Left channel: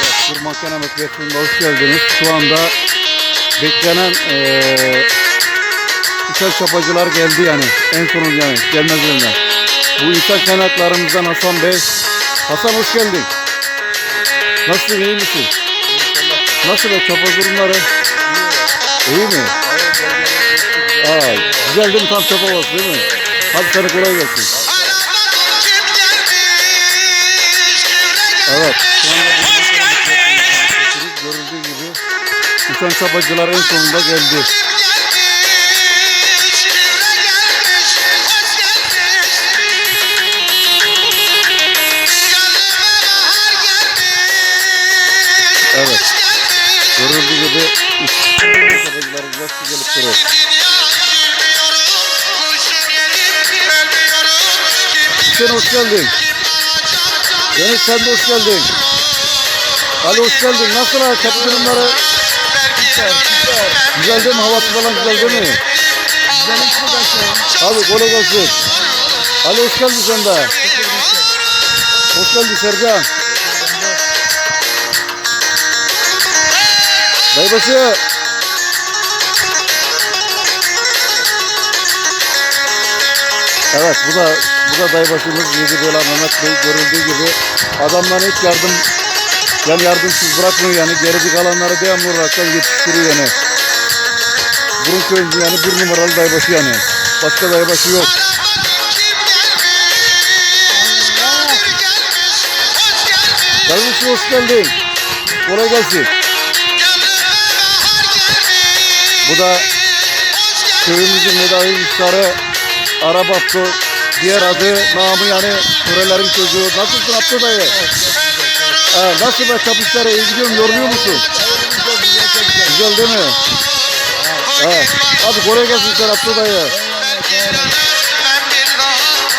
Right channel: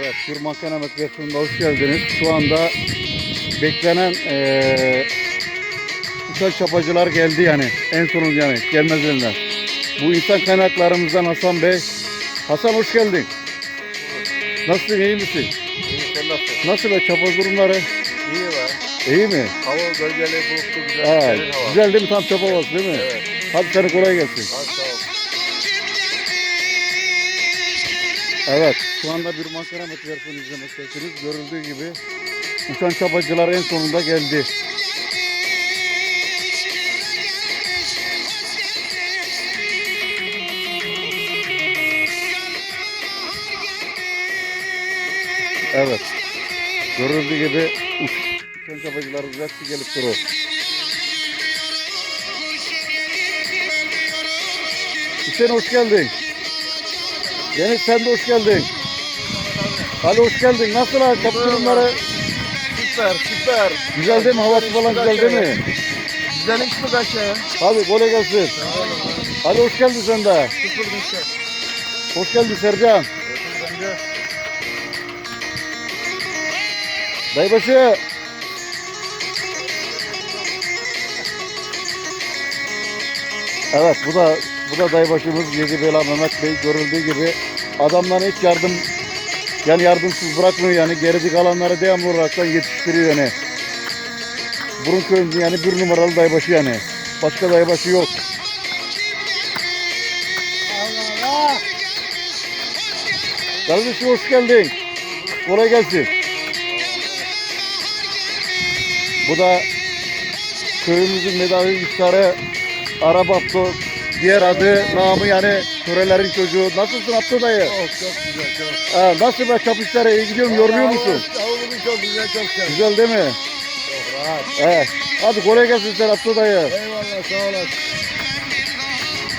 Evet, Kurmakan Ahmet Bekir'inde hoş geldiniz. Şu anda beklenen eee uçak çapacılar geldi yani. En sonunda yani gelmezlerine. Bu insan kaynaklarımızdan Hasan Bey. Hasan hoş geldin. Nasılsın, iyi misin? Nasıl be çapa durumları? İyi ya. İyi mi? Hava gölgeli dostlu güzel. Hava. güzel değil mi? Tam çapa havası değil mi? Hadi sana kolay gelsin. Evet, şu anda bir makara mutfakımızın görüldüğü gibi uçan çapacılar en sonunda geldi. Evet, görüldüğü gibi uçan çapacılarımız hepsi gelip duruyor. Hüseyin hoş geldin. Deniz sen de hoş geldin. Ali hoş geldin. Nasıl ha çapı durumları? Süper süper. Güzel değil mi? Havası falan güzel değil mi? Güzel hiç mi kaçıyor? Abi kolay gelsin. Ali hoş geldin sen de. Hoş geldin Sercan. Dayıbaşı. Evet bu da bu da dayıbaşımız Yedi Bela Mehmet Bey görüldüğü gibi adamların hiç yardım yani yardımsız bırakmıyor yani geride kalanları devamlı olarak yetiştiriyor yani. Burun köyünde yani bir numaralı dayıbaşı yani. Başka dayıbaşı yok. Kardeşim hoş geldin. Kolay gelsin. Bu da köyümüzün medavi iftarı Arap Abdo. Diğer adı namı yani Turelerin çocuğu. Nasılsın Abdo dayı? çok güzel çok. Ha, nasıl be çapışlara iyi gidiyor mu? Yoruluyor musun? Havuzumuz çok güzel çok güzel. Güzel değil mi? Evet. Hadi kolay gelsin sen Abdo dayı. Eyvallah sağ olun.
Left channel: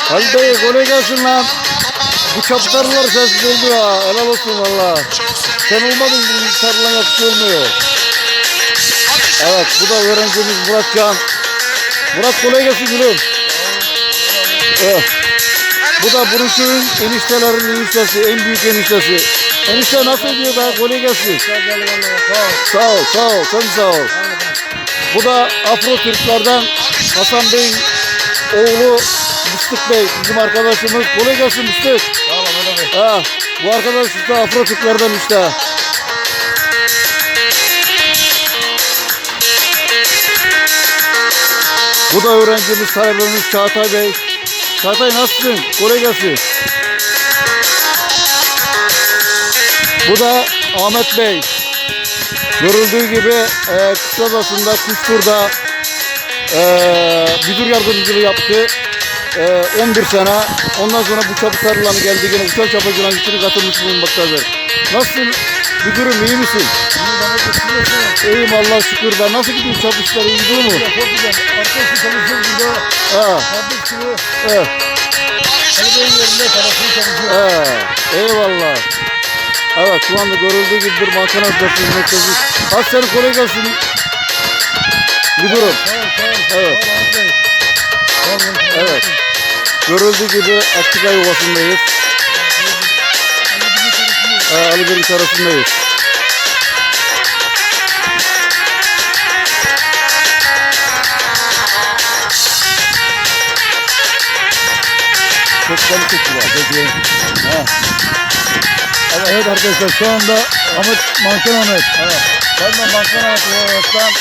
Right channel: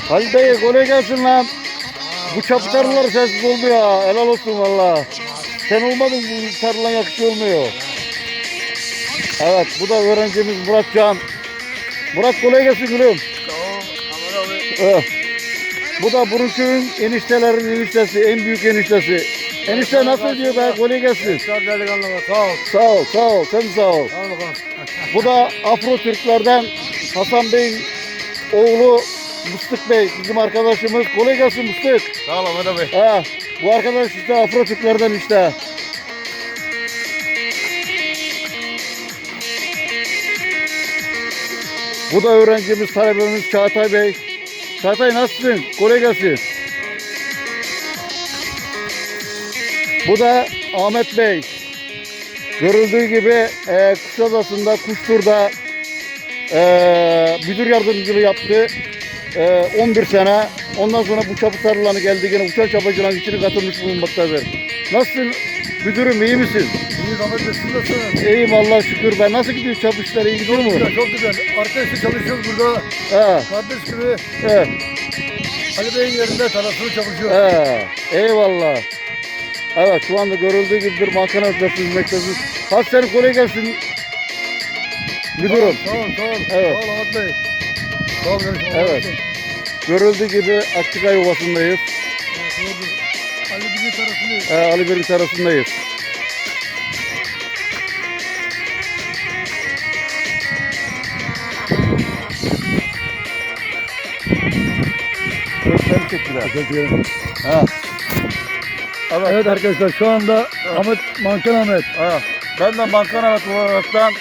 Halil dayı kolay gelsin lan. Bu çapışlarlar sensiz oldu ya. Helal olsun valla. Sen olmadın bu sarılan yakışı olmuyor. Evet bu da öğrencimiz Murat Can. Murat kolay gelsin gülüm. Evet. Bu da Buruköy'ün eniştelerin eniştesi, en büyük eniştesi. Enişte nasıl diyor be? Kolay gelsin. Sağ ol. Sağ ol, sağ ol, sen sağ ol. Bu da Afro Türklerden Hasan Bey oğlu Mıstık Bey, bizim arkadaşımız. Kolay gelsin Mıstık. Sağ ol Ahmet abi. Ha, bu arkadaş işte Afro Türklerden işte. Bu da öğrencimiz, talebemiz Çağatay Bey. Çağatay nasılsın? Kolay gelsin. Bu da Ahmet Bey. Görüldüğü gibi e, Kuşadası'nda, Kuşbur'da e, müdür yardımcılığı yaptı. E, 11 sene. Ondan sonra bu çapı sarılanı geldi yine uçak çapacıların içine katılmış bulunmaktadır. Nasılsın? Müdürüm iyi misin? İyi bana götürüyorsun. İyiyim Allah şükür. Ben nasıl gidiyor işleri iyi gidiyor mu? Çok güzel. Arkadaşı çalışıyoruz burada. He, Kardeş gibi. he, Ali Bey'in yerinde tarafını çalışıyor. he. Eyvallah. Evet şu anda görüldüğü gibi bir makine ötesi hizmetteyiz. Hadi senin kolay gelsin. Müdürüm. Sağ ol. Evet. Sağ ol Ahmet Bey. Sağ. Evet. Görüldüğü gibi Akçıkay Ovası'ndayız. Ali Bey'in arasındayız. Çocukları çekiyor. Ha. Evet. arkadaşlar şu anda Ahmet Manken Ahmet. Evet. Ben de Bankan Ahmet olaraktan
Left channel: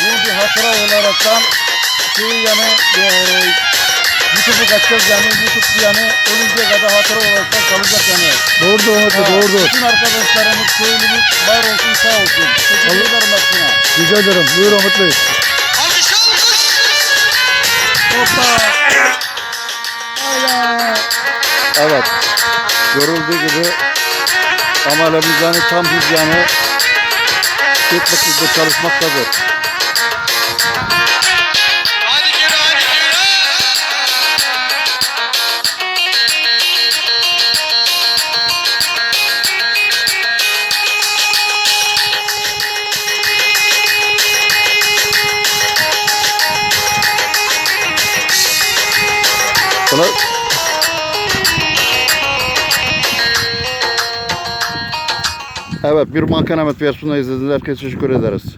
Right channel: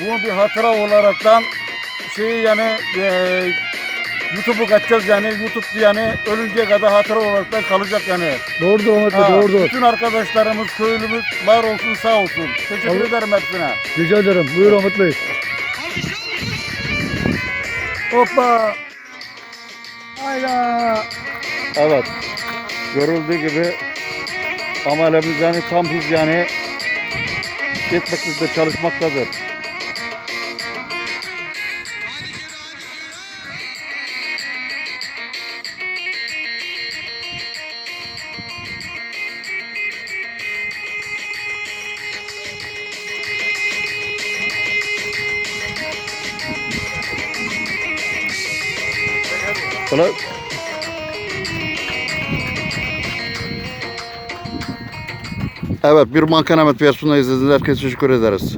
bunu bir hatıra olaraktan şey yani e, YouTube'u kaçacağız yani YouTube yani ölünceye kadar hatıra olaraktan kalacak yani. Doğrudur Ahmet Bey Ha, doğrudur. Bütün arkadaşlarımız, köylümüz var olsun sağ olsun. Teşekkür Allah- ederim hepsine. Rica ederim. Buyur Ahmet Bey. Hoppa. Aya. Evet. Görüldüğü gibi amelimiz yani tam biz yani etmekle çalışmaktadır. Kolay, Evet bir Mankan Ahmet versiyonunu izlediğiniz herkese teşekkür ederiz.